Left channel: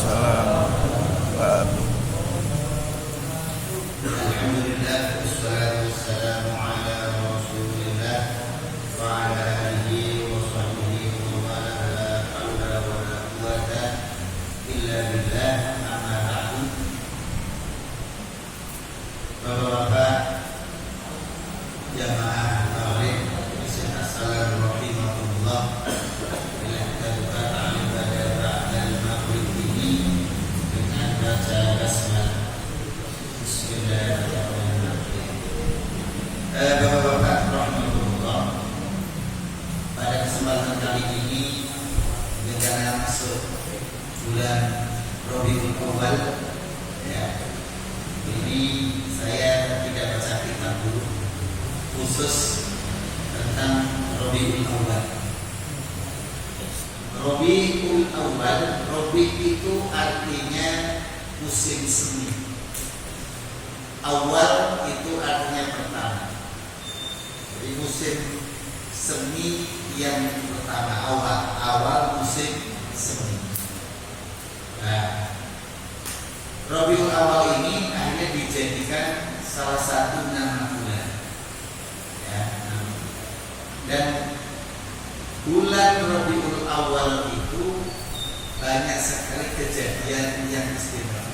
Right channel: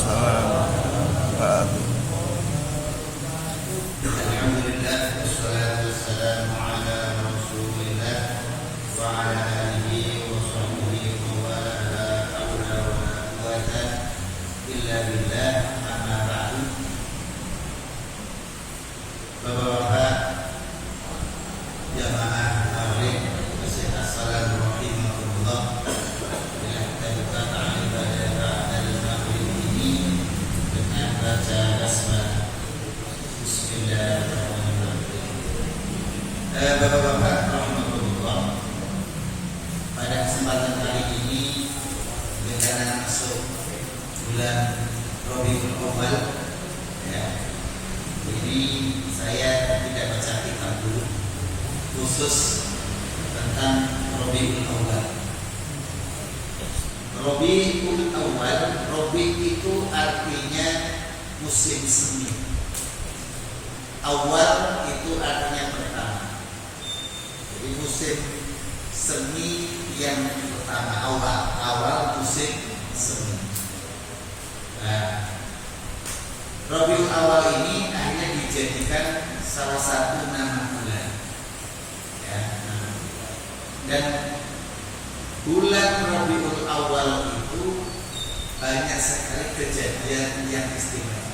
Waalaikumsalam warahmatullahi wabarakatuh. Alhamdulillah, wassalatu wassalamu ala Rasulillah wa ala alihi wa sahbihi wa ala la haula wa la quwwata illa billah. Amma ba'du. Bapak-bapak jamaah maghrib, assalamualaikum warahmatullah. Bila kita buka ta'lim pada dari maghrib ini dengan baca basmalah. Bapak-bapak rahmatullah, pada kesempatan kali ini dengan masuk bulan Rabiul Awal, ya, ini saya tidak baca kitab dulu khusus tentang Rabiul Awal. Rabiul Awal, Rabi itu artinya musim semi. Awal itu artinya pertama. Jadi musim semi yang pertama, awal musim semi. Nah, Rabiul Awal ini akhirnya dijadikan salah satu nama bulan. Ya, dan bulan Rabiul Awal itu banyak sekali kejadian yang istimewa.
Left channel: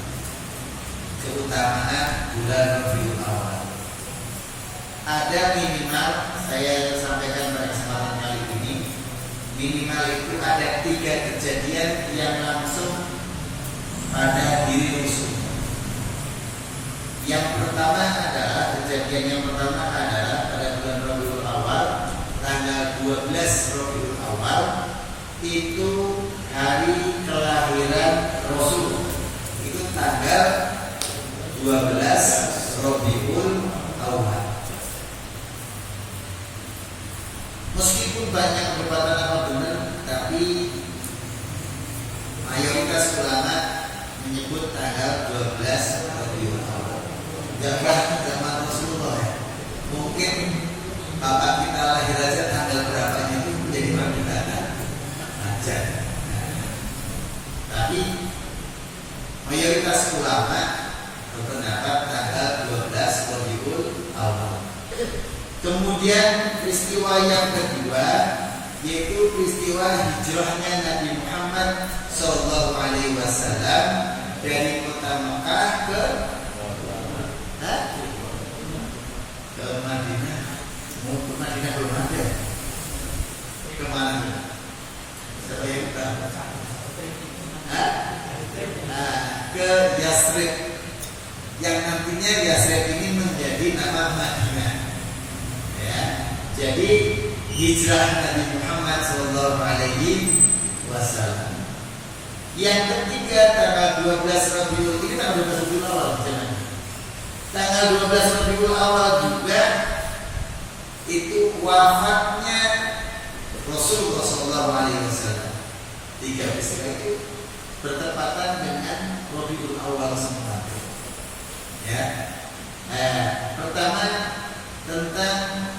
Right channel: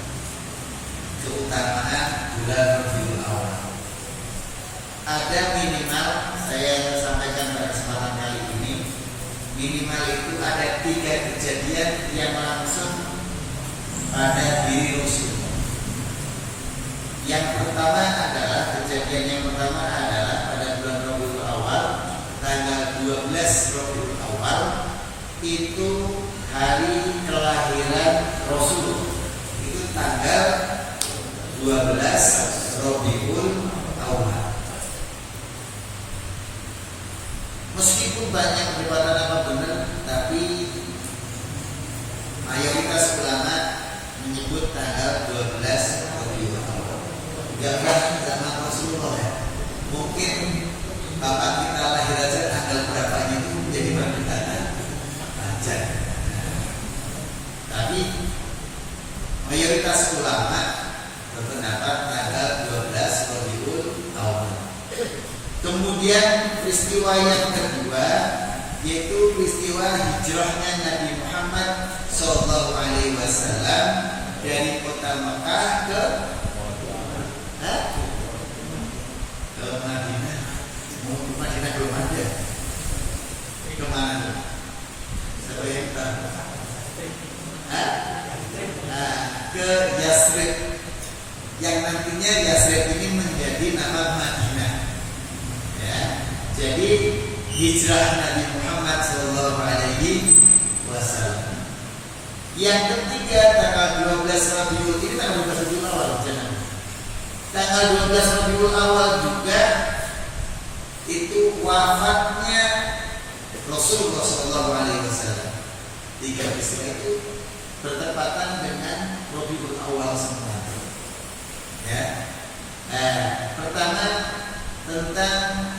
Keutamaan bulan Rabiul Awal ada minimal, saya sampaikan pada kesempatan kali ini, minimal itu ada 3 kejadian yang langsung pada diri Rasul. Yang pertama adalah pada bulan Rabiul Awal, tanggal 12 Rabiul Awal itu hari kelahiran Rasul. Itu tanggal 12 Rabiul Awal. Meskipun banyak perdebatan apa benar, tapi mayoritas ulama menyebut tanggal 12 Rabiul Awal. Enggak zaman Rasulullah ya. Mungkin bapak kita lahir aja tanggal berapanya itu jadi perdebatan aja. Tapi mayoritas ulama berpendapat tanggal 12 Rabiul Awal. Kemudian peristiwa yang kedua yaitu peristiwa hijrahnya Nabi Muhammad SAW dari kota Mekah ke Madinah. Mau ke Madinah belum ada. Kemana? Siapa yang tahu? Ke Yasrib, yang nantinya Yasrib ini menjadi nama Madinah. Ya, jadi hijrah Nabi Muhammad SAW. Yang ketiga tanggal 12 Rabiul, ini tanggal 12 Rabiul Awal, jangan. Tanggal 12 Rabiul Awal juga itu wafatnya Rasulullah SAW. 3 peristiwa itu bertepatan dengan Rabiul Awal semua. Ya. Pertama tentang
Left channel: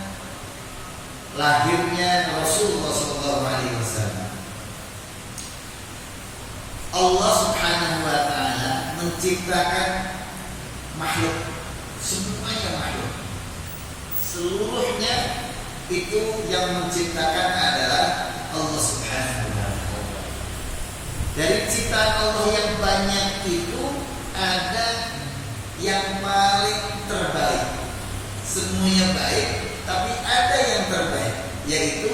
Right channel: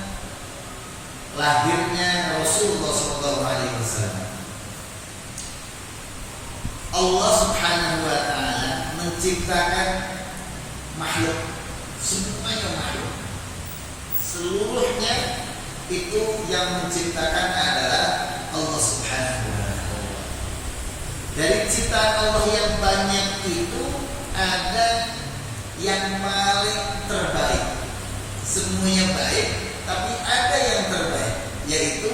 lahirnya Rasulullah SAW. Allah Subhanahu wa Ta'ala menciptakan makhluk, semuanya makhluk, seluruhnya itu yang menciptakan adalah Allah Subhanahu wa Ta'ala. Dari ciptaan Allah yang banyak itu ada yang paling terbaik. Semuanya baik, tapi ada yang terbaik, yaitu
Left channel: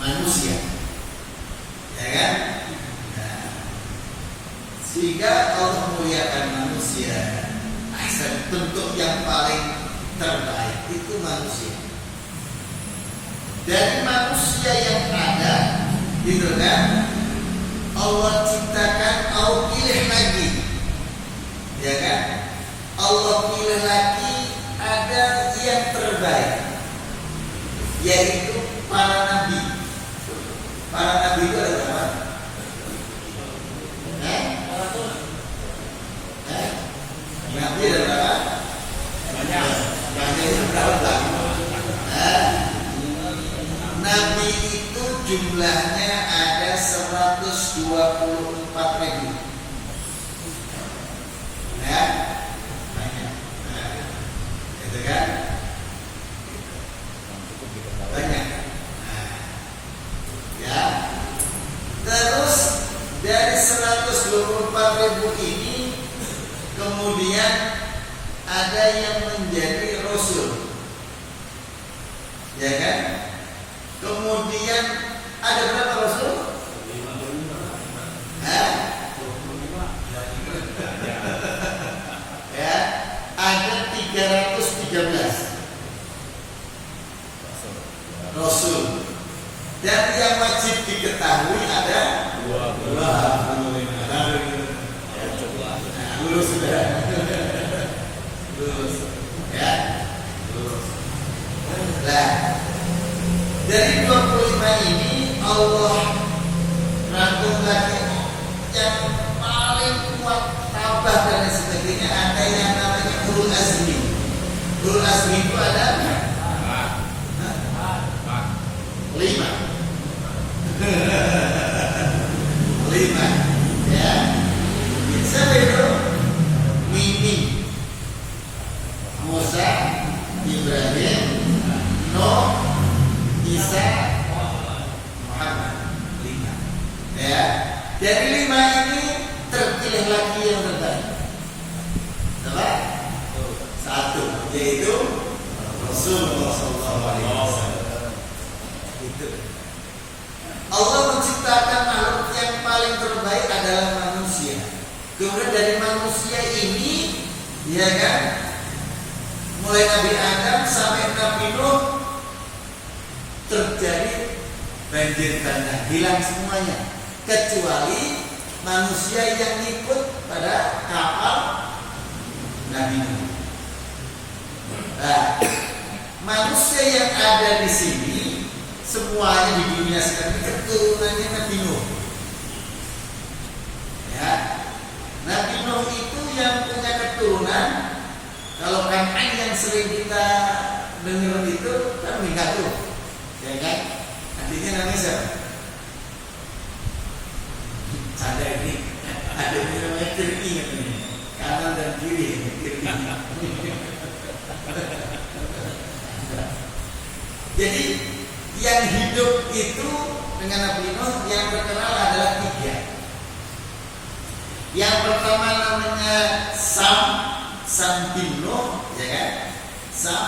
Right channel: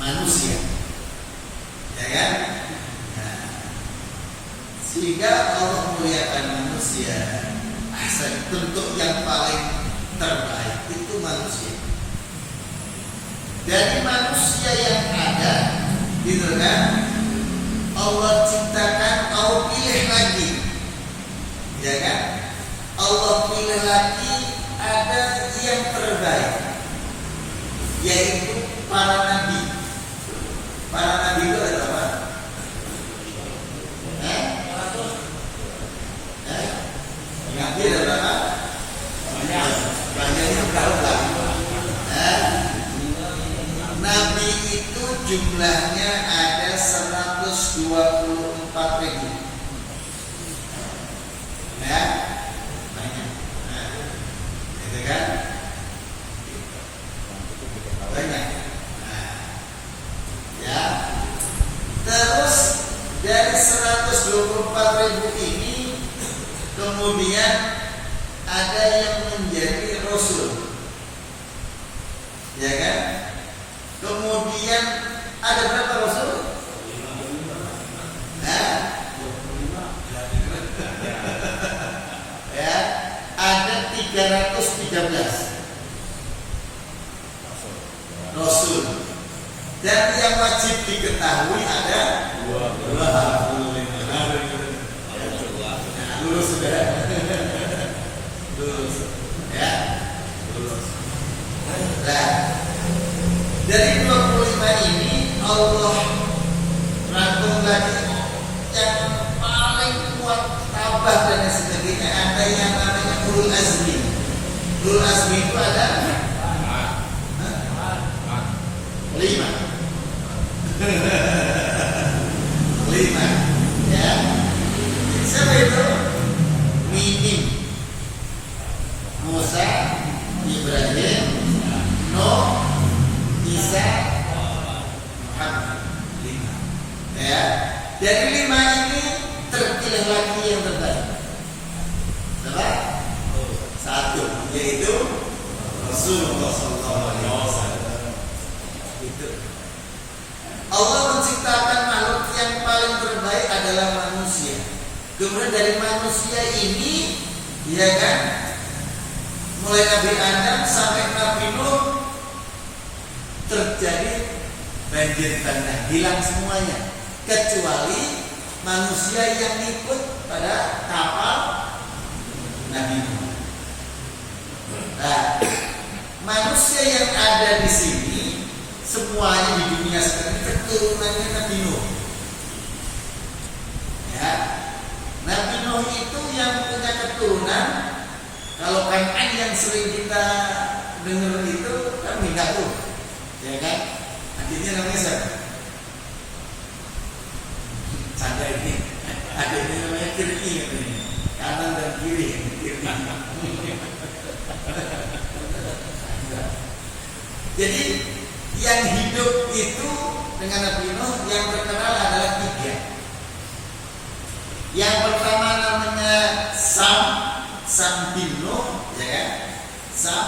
manusia. Ya kan? Nah, sehingga Allah muliakan manusia. Bentuk yang paling terbaik itu manusia. Dari manusia yang ada, gitu kan? Allah ciptakan, Allah pilih lagi, ya kan? Allah pilih lagi ada yang terbaik, yaitu para nabi. Para nabi itu ada berapa? Nabi ada berapa? Banyaknya berapa? Nabi itu jumlahnya ada 124 ribu. Ya, banyak. Nah, itu kan banyak. Nah, ya. Terus dari 124.000 ini kemudian ada yang menjadi rasul, ya kan? Kemudian ada berapa rasul? Ya, ada 313 rasul. Dan yang wajib diketahui ada 25. Lulus sudah. Lulus. Ya. Lulus. Nah, dari 25 ini Allah rangkum lagi yang paling kuat, tabah dan lain sebagainya. Ada yang namanya ulul azmi. Ulul azmi itu ada 5. 5, ya. Siapa itu? Mimim, Musa, Ibrahim, Nuh, Isa, Muhammad. 5. Ya. Dari 5 ini terpilih lagi yang terbaik. Salah? 1, yaitu Rasulullah SAW. Itu. Allah menciptakan makhluk yang paling terbaik adalah manusia. Kemudian dari manusia ini, ya kan, mulai Nabi Adam sampai Nabi Nuh terjadi banjir bandang, hilang semuanya kecuali manusia yang ikut pada kapal Nabi Nuh. Nah, manusia yang ada di sini semuanya di dunia sekarang keturunannya Nabi Nuh. Ya, Nabi Nuh itu yang punya keturunan. Kalau Kan'an yang sering kita dengar itu kan meninggal tuh, ya kan? Adiknya namanya siapa? Canda ini. Adiknya namanya Kiri, kanan dan kiri. Jadi yang hidup itu dengan Nabi Nuh yang terkenal adalah 3. Yang pertama namanya Sam bin Nuh, ya kan? Sam,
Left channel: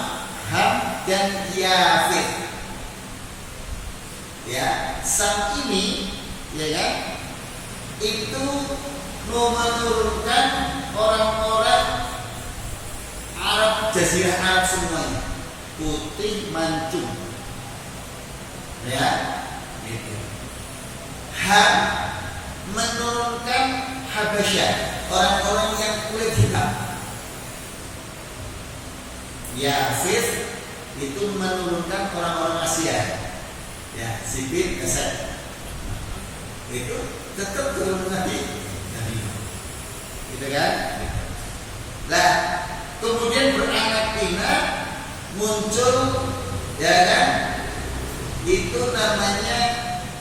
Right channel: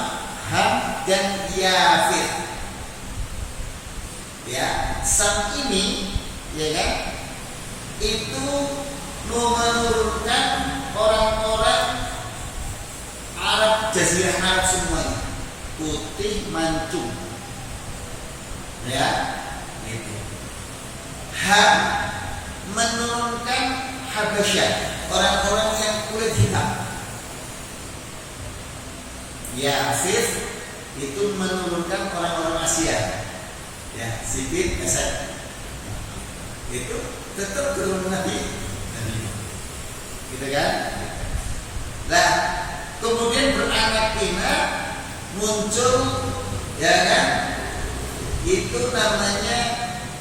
Ham, dan Yafir. Ya, Sam ini, ya kan? Itu menurunkan orang-orang Arab, Jazirah Arab semuanya, putih mancung. Ya, gitu. Ham menurunkan Habasyah, orang-orang yang kulit hitam. Yafir itu menurunkan orang-orang Asia. Ya, Sipit, Asad. Itu tetap turun Nabi. Gitu kan? Lah, kemudian beranak pinak muncul, ya kan? Itu namanya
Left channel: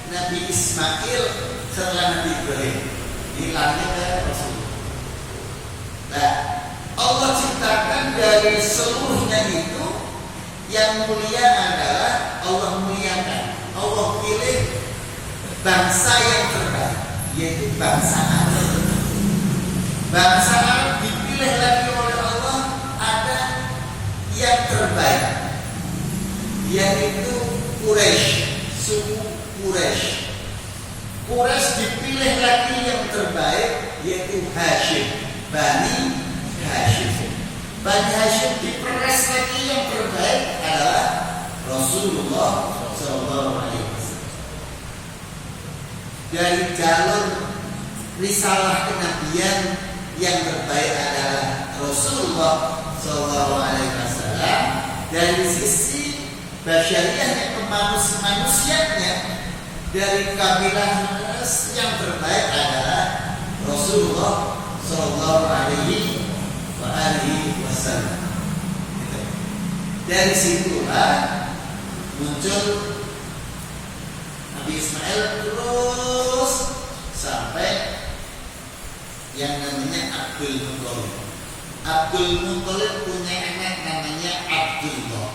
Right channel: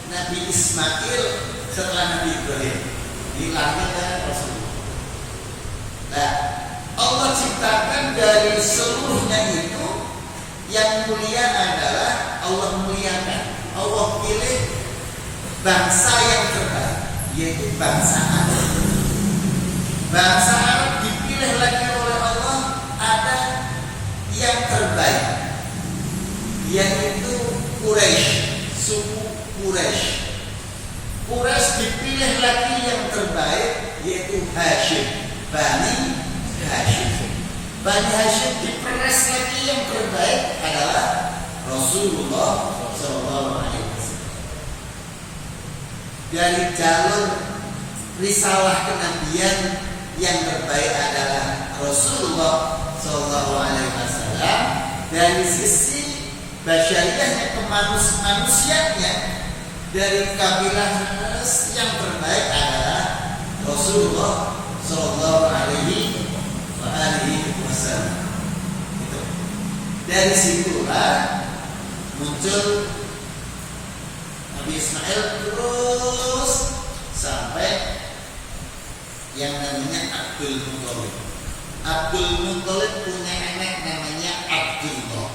Nabi Ismail setelah Nabi Ibrahim. Hilangnya kan Rasulullah. Nah, Allah ciptakan dari seluruhnya itu yang mulia adalah Allah muliakan. Allah pilih bangsa yang terbaik, yaitu bangsa Arab. Bangsa Arab dipilih lagi oleh Allah, ada yang terbaik, yaitu Quraisy, suku Quraisy. Quraisy dipilih lagi yang terbaik, yaitu Hashim, Bani Hashim. Bani Hashim diperes lagi yang terbaik adalah Rasulullah SAW. Dari jalur risalah kenabian yang terbaik adalah Rasulullah SAW. Dari sisi basyariahnya, kemanusiaannya, dari kabilah yang terbaik adalah Rasulullah SAW. Dari situlah muncul Nabi Ismail terus sampai Abdul Muthalib. Abdul Muthalib punya anak namanya Abdullah.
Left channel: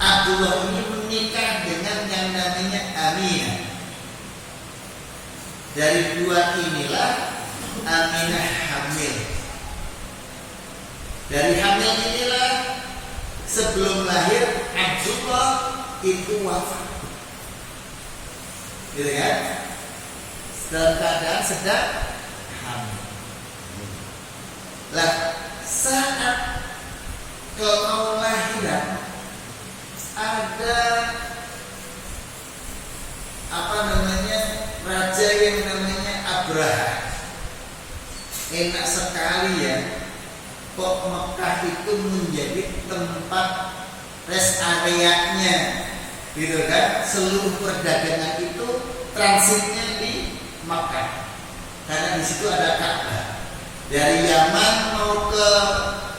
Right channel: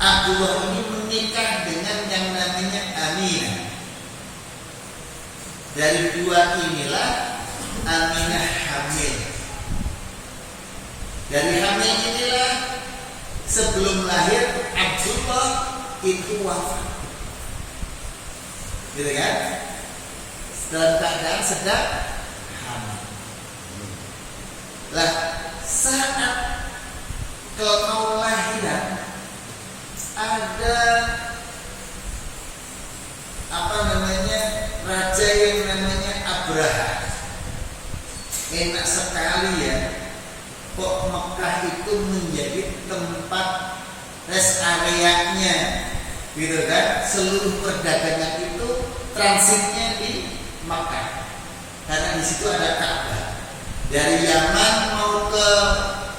Abdullah ini menikah dengan yang namanya Aminah. Dari dua inilah Aminah hamil. Dari hamil inilah sebelum lahir Abdullah itu wafat. Gitu kan? Dalam keadaan sedang hamil. Lah, saat kalau mau lahiran ada raja yang namanya Abraha. Enak sekali ya, kok Mekah itu menjadi tempat rest areanya, gitu kan? Seluruh perdagangan itu transitnya di Mekah, karena di situ ada Ka'bah. Dari Yaman mau ke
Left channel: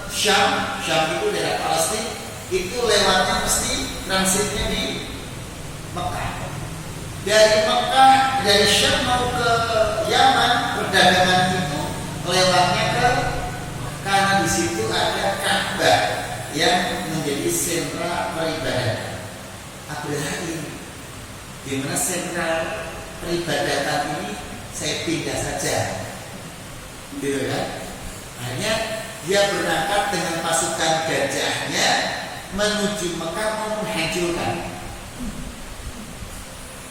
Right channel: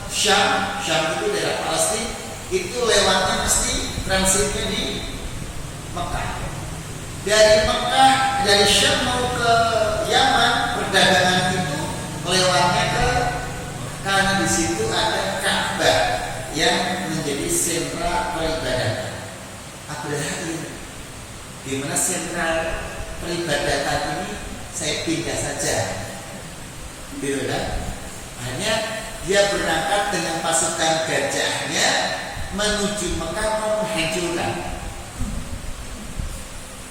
Syam itu daerah Palestina, itu lewatnya mesti transitnya di Mekah. Dari Syam mau ke Yaman, perdagangan itu lewatnya karena di situ ada Ka'bah yang menjadi sentra peribadatan. Abraha ini, gimana sentra peribadatan ini saya pindah saja, gitu kan? Hanya dia berangkat dengan pasukan gajahnya menuju Mekah mau menghancurkan.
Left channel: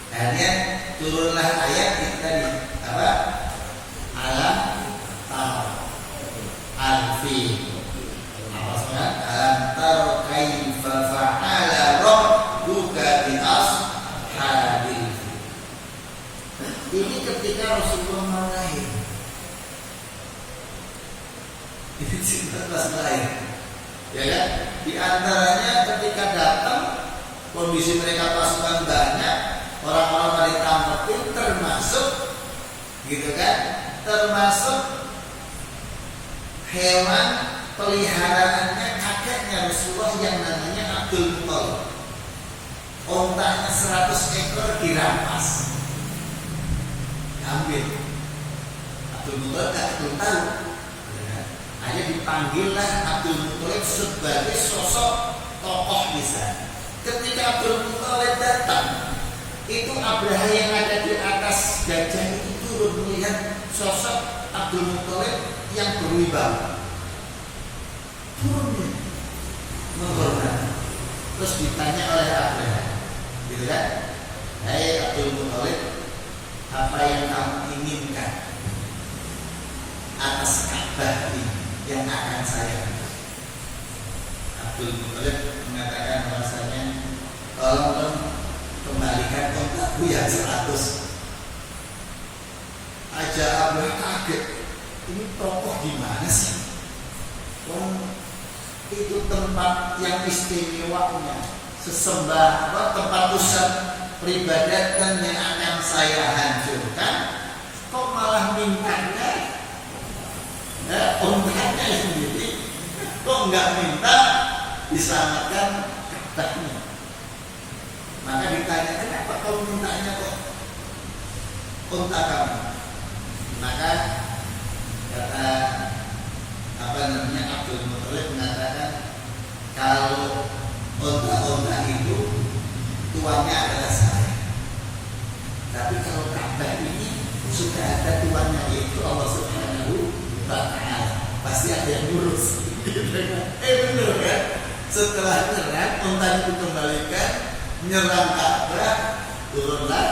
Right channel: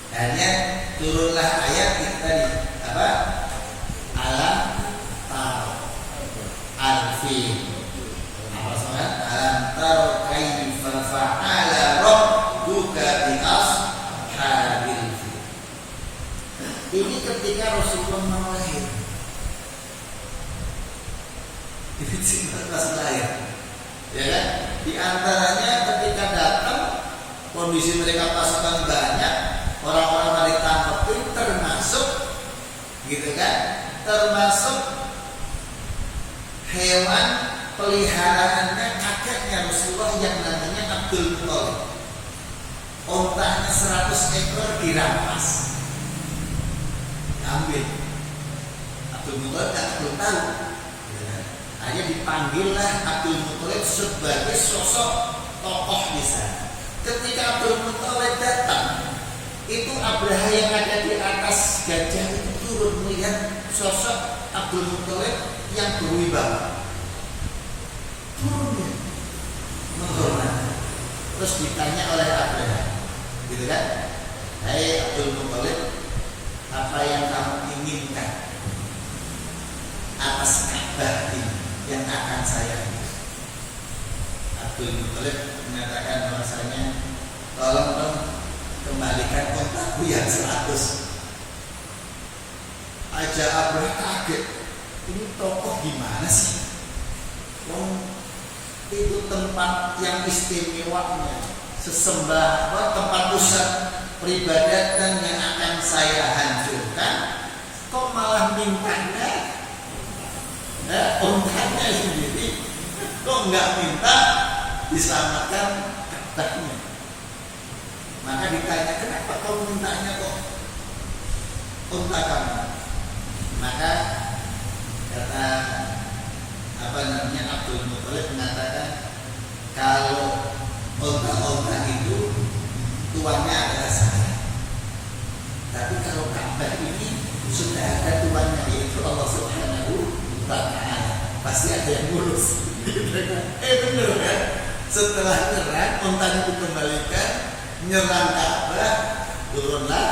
Akhirnya turunlah ayat itu tadi apa? Alam taro al-fil. Apa soal? Alam taro kaifa fa'ala rabbuka bi ashabil fil. Ini ketika Rasulullah mau lahir. Ini cerita pas lahir. Ya kan? Di antaranya ketika datang kondisi mereka pasukan banyak, orang-orang ditangkepin, termasuk gitu kan, termasuk hewan peliharaannya kakeknya Rasulullah yang namanya Abdul Muthalib. Ontanya 100 ekor dirampas, diambil. Abdul Muthalib belum tahu. Hanya dipanggillah Abdul Muthalib sebagai sosok tokoh di sana. Ketika Abdul Muthalib datang, itu Abraha yang ada di atas gajah itu turun melihat sosok Abdul Muthalib yang berwibawa. Turun dia menghormat. Terus ditanya oleh Abraha, gitu kan? Hai Abdul Muthalib, apa yang kamu inginkan atas Ka'bah ini yang akan saya berikan? Abdul Muthalib mengatakan bahwasanya, tolong dong kembalikan kontakku yang 100. Aja Abraha kaget, ini tokoh gimana sih? Itu tempat yang istimewanya, tempat pusat peribadatan yang akan saya hancurkan, kok malah mintanya ontanya sendiri, kok nggak minta diselamatkan Ka'bahnya? Maka ditanya, kenapa kau mintanya kok unta kamu? Maka kata Abdul Muthalib mengatakan, kalau unta-unta itu tuannya adalah saya, tapi kalau Ka'bah ini sudah ada tuannya, yaitu Allah Subhanahu wa Ta'ala, pasti ada yang ngurus. Bener kan? Setelah nyerang, unta itu kembalikan, nyerang Ka'bah, turunlah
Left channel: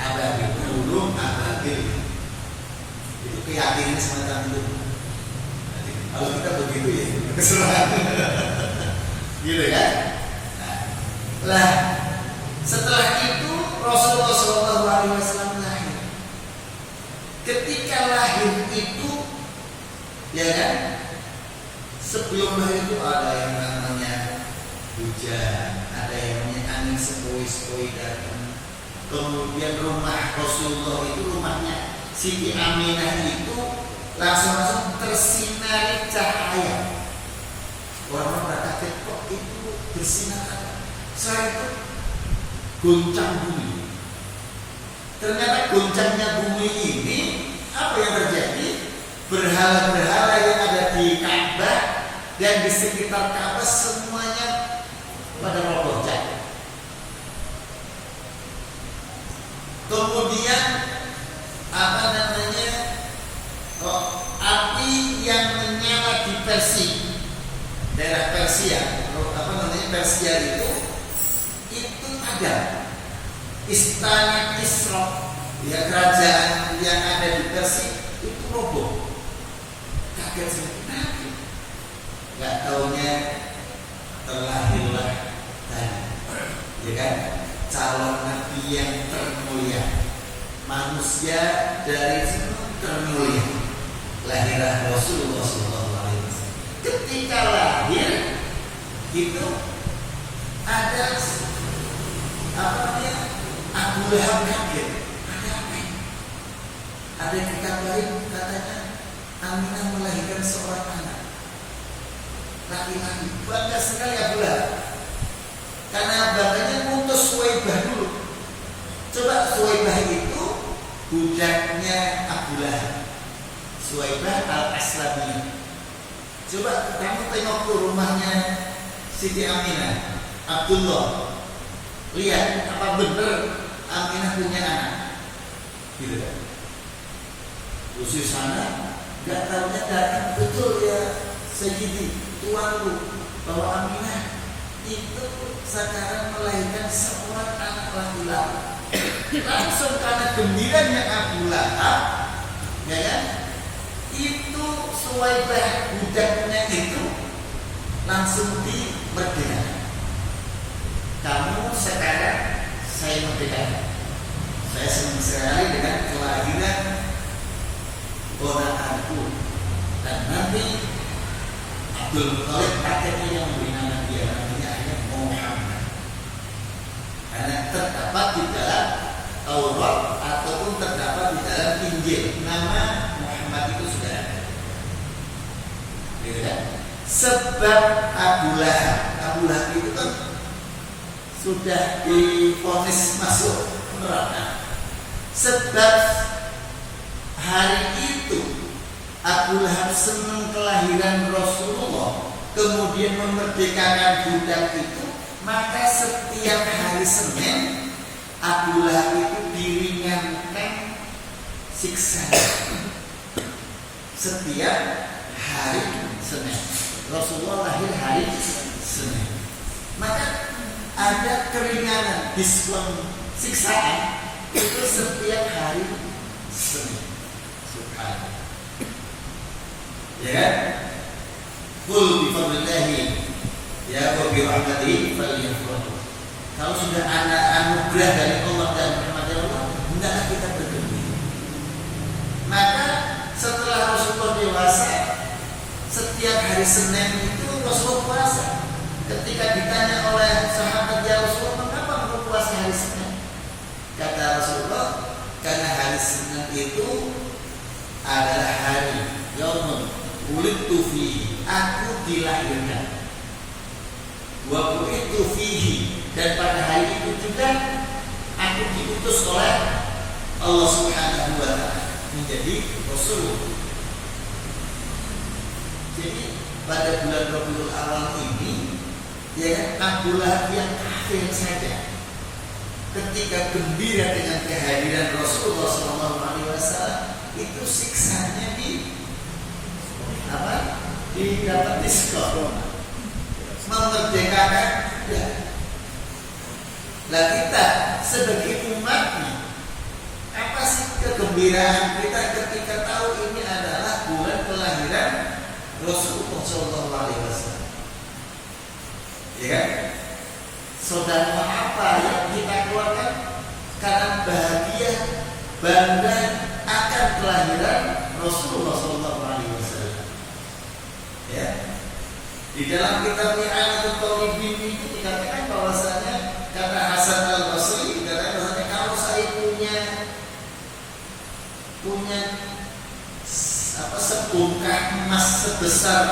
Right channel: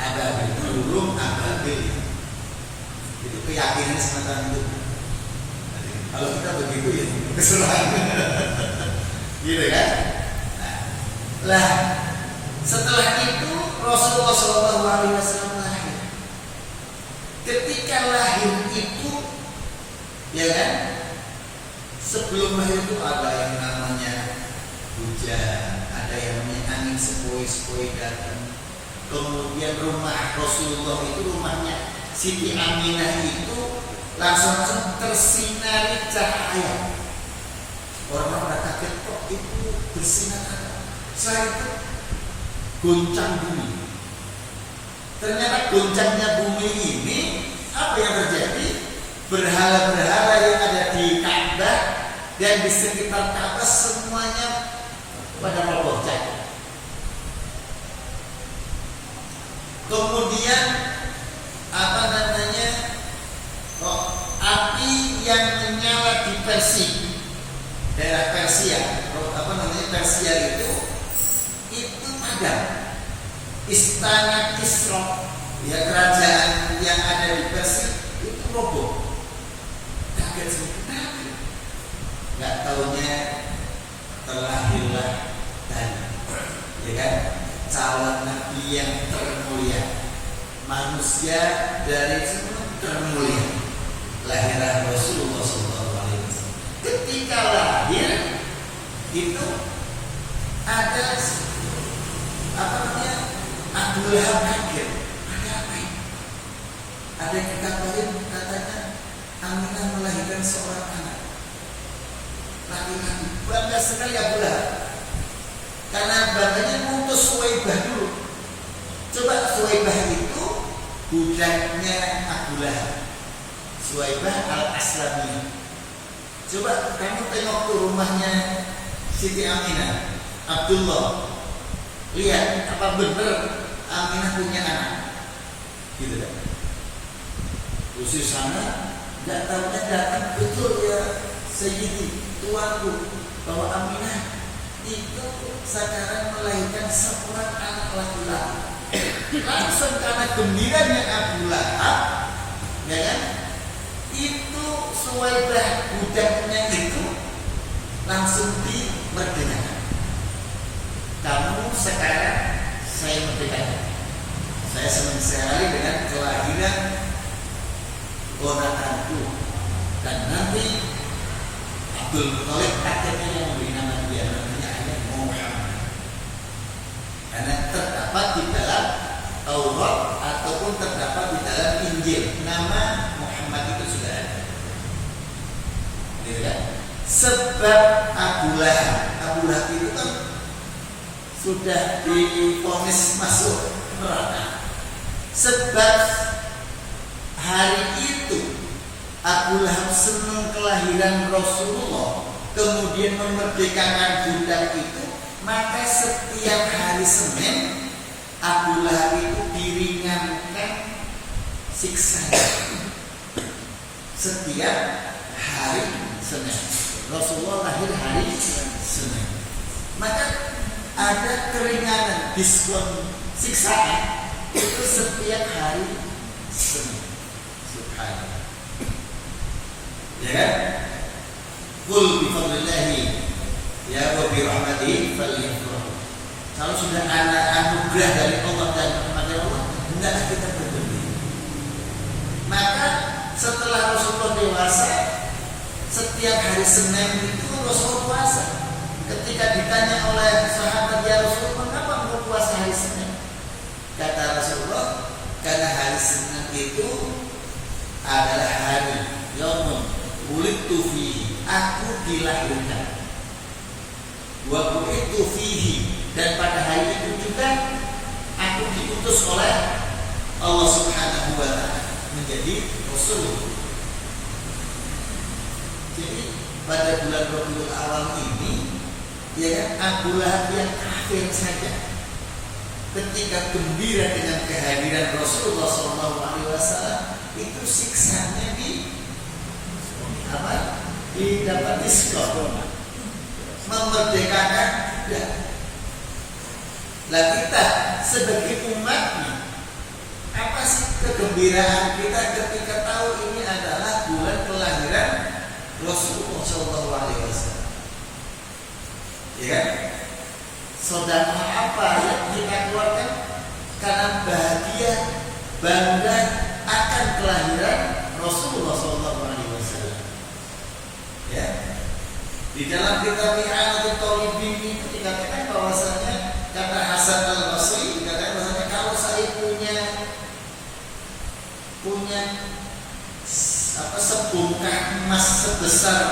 ababil, burung ababil. Itu keyakinan semacam itu. Kalau kita begitu ya keserang, gitu kan? Lah, setelah itu Rasulullah SAW lahir. Ketika lahir itu, ya kan? Sebelum lahir itu ada yang namanya hujan, ada yang namanya angin sepoi-sepoi datang. Kemudian rumah Rasulullah itu, rumahnya Siti Aminah itu langsung tersinari cahaya. Orang-orang kaget, kok itu bersinar apa? Setelah itu goncang bumi. Ternyata goncangnya bumi ini apa apa yang terjadi? Berhala-berhala yang ada di Ka'bah dan di sekitar Ka'bah semuanya pada roboh jatuh. Kemudian api yang menyala di daerah Persia, Persia itu padam. Istana Kisra, ya kerajaan yang ada di Persia itu roboh. Kaget saya, nggak taunya terlahirlah tadi, ya kan, calon nabi yang termulia, manusia dari semua termulia, lahirlah Rasulullah SAW. Ketika lahir itu ada Abu Lahab kaget. Ada apa ini? Ada yang dikabarin katanya Aminah melahirkan seorang anak laki-laki. Bangga sekali Abu Lahab, karena bangganya ngutus Suwaibah dulu. Coba Suwaibah itu budaknya Abu Lahab, Suwaibah al-Aslamiyah. Coba kamu tengok ke rumahnya Siti Aminah, Abdullah, lihat apa benar Aminah punya anak, gitu kan? Usia sana nggak tahunya datang betul ya Sayyidi, tuanku, bahwa Aminah itu sekarang melahirkan seorang anak laki-laki. Langsung karena gembiranya Abu Lahab, ya kan? Itu Suwaibah budaknya itu langsung dimerdekakan. Kamu sekarang saya merdekakan. Saya senang sekali dengan kelahiran ponakanku. Dan nanti Abdul Muthalib kakeknya yang memberi nama dia, namanya hanya Muhammad. Karena terdapat di dalam Taurat ataupun terdapat di dalam Injil, nama Muhammad itu sudah ada. Gitu kan? Sebab Abu Lahab itu kan sudah divonis masuk neraka. Sebab hari itu Abu Lahab senang kelahiran Rasulullah, kemudian memerdekakan budak itu, maka setiap hari Senin Abu Lahab itu diringankan siksanya. Setiap hari Senin Rasulullah lahir hari Senin, maka ada keringanan, diskon siksaan itu setiap hari Senin. Subhanallah. Ya kan? Qul bi fadlillahi ya wa bi rahmatihi falyafrahu. Kalau sudah ada anugerah dari Allah dan rahmat dari Allah, hendaklah kita bergembira. Maka setelah Rasulullah dewasa, setiap hari Senin itu Rasulullah puasa. Ketika ditanya oleh sahabat, ya Rasulullah, mengapa engkau puasa hari Senin? Kata Rasulullah, karena hari Senin itu adalah hari yaumun wulidtu fihi, aku dilahirkan. Wa bu'ithu fihi, dan pada hari itu juga aku diutus oleh Allah Subhanahu wa ta'ala menjadi Rasul. Jadi pada bulan Rabiul Awal ini, ya kan, Abu Lahab yang kafir saja ketika gembira dengan kehadiran Rasulullah SAW, itu siksanya didapat diskon, memerdekakan. Lah kita sebagai umatnya, apa sih kegembiraan kita ketika tahu ini adalah bulan kelahiran Rasulullah SAW? Ya kan? Sedekah apa yang kita keluarkan karena bahagia, bangga akan kelahiran Rasulullah SAW. Ya, di dalam kitab I'anatul Talibin itu dikatakan bahwasanya, kata Hasan al-Basri, dikatakan bahwasanya kalau saya punya sebongkah emas sebesar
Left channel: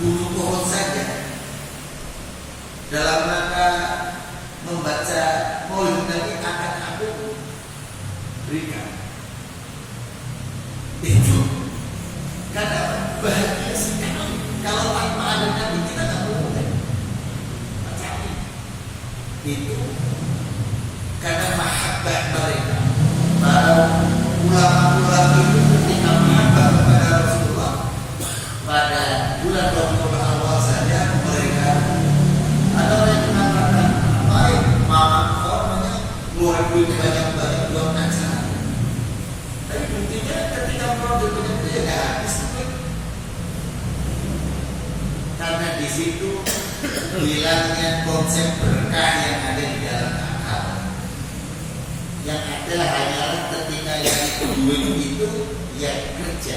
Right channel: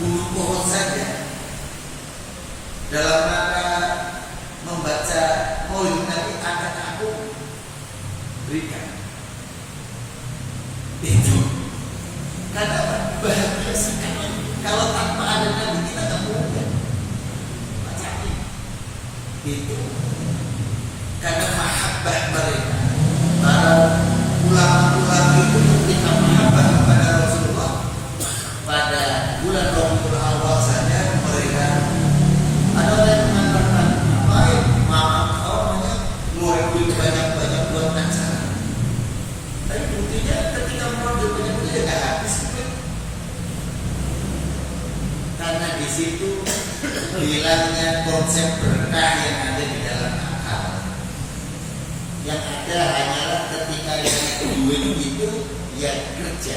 bulu pohon saja, dalam rangka membaca Maulid Nabi akan aku berikan. Karena apa? Bahagia sekali. Kalau tanpa ada Nabi kita nggak perlu kan? Macam itu karena mahabbah mereka. Para ulama-ulama itu ketika mahabbah kepada Rasulullah pada bulan Rabiul Awal saja mereka ada orang yang mengatakan baik mama orangnya ngeluarin duit banyak-banyak buat acara. Tapi buktinya ketika mengambil banyak itu ya nggak habis. Karena di situ hilangnya konsep berkah yang ada di dalam akal. Yang ada hanyalah ketika yang duit itu yang kerja,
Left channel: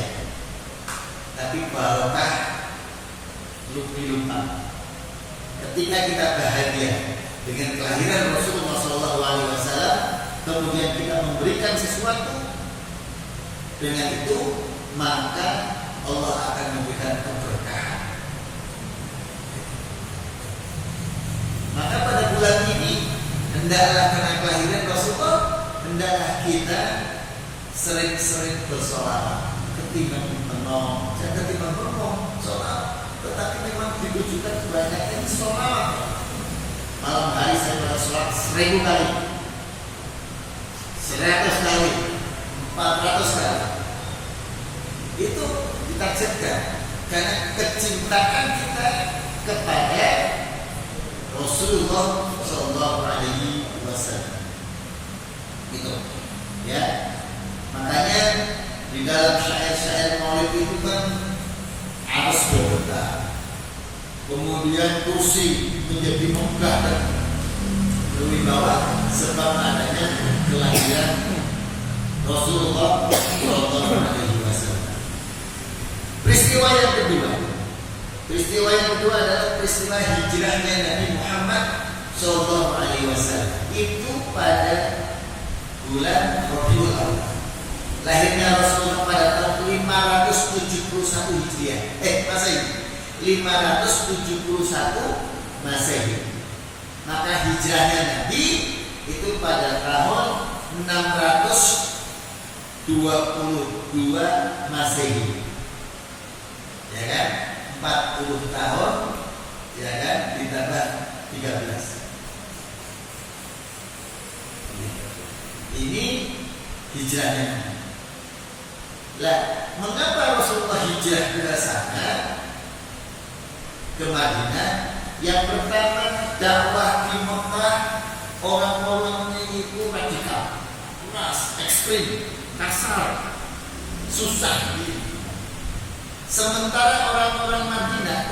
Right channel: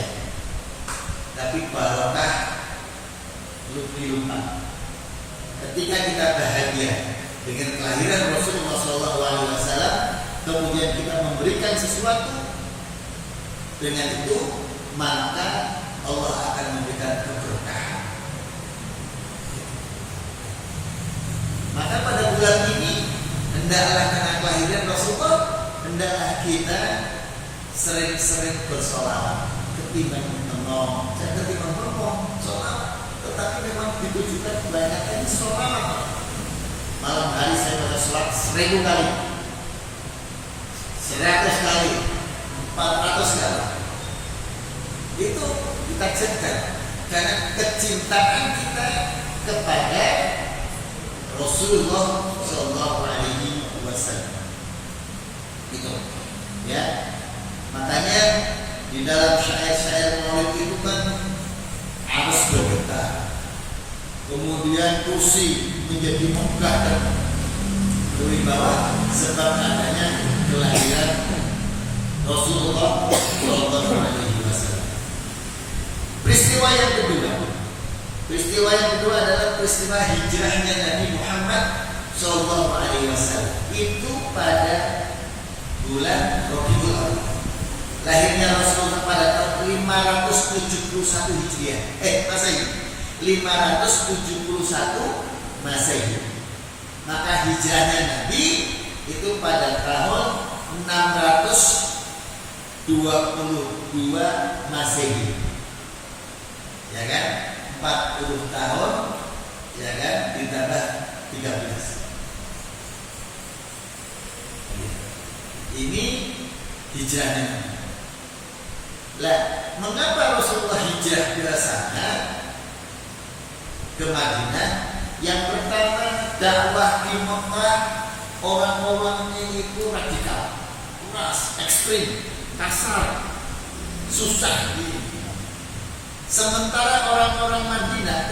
tapi barokah lupa. Ketika kita bahagia dengan kelahiran Rasulullah SAW, kemudian kita memberikan sesuatu, dengan itu maka Allah akan memberikan keberkahan. Maka pada bulan ini hendaklah karena kelahiran Rasulullah, hendaklah kita sering-sering bersolawat ketimbang menong, jangan ketimbang menong, solawat. Tetapi memang ditujukan kebanyakan ini solawat. Malam hari saya baca sholat 1000 kali, 100 kali, 400 kali. Itu kita cegah karena kecintaan kita kepada Rasulullah Shallallahu Alaihi Wasallam. Itu, ya. Makanya di dalam syair-syair Maulid itu kan harus bergetar. Kemudian kursi menjadi megah dan berwibawa sebab adanya kelahiran Rasulullah Shallallahu Alaihi Wasallam. Peristiwa yang kedua adalah peristiwa hijrahnya Nabi Muhammad Shallallahu Alaihi Wasallam. Itu pada bulan Rabiul Awal. Lahirnya Rasulullah pada tahun 571 Hijriah. Masehi. 571 Masehi. Maka hijrahnya Nabi itu pada tahun 622 Masehi. Ya kan? 40 tahun, ya kan? Ditambah 13. Ini hijrahnya. Lah, mengapa Rasulullah hijrah ke sana, ke Madinah? Yang pertama, dakwah di Mekah orang-orangnya itu radikal, keras, ekstrim, kasar, susah. Sementara orang-orang Madinah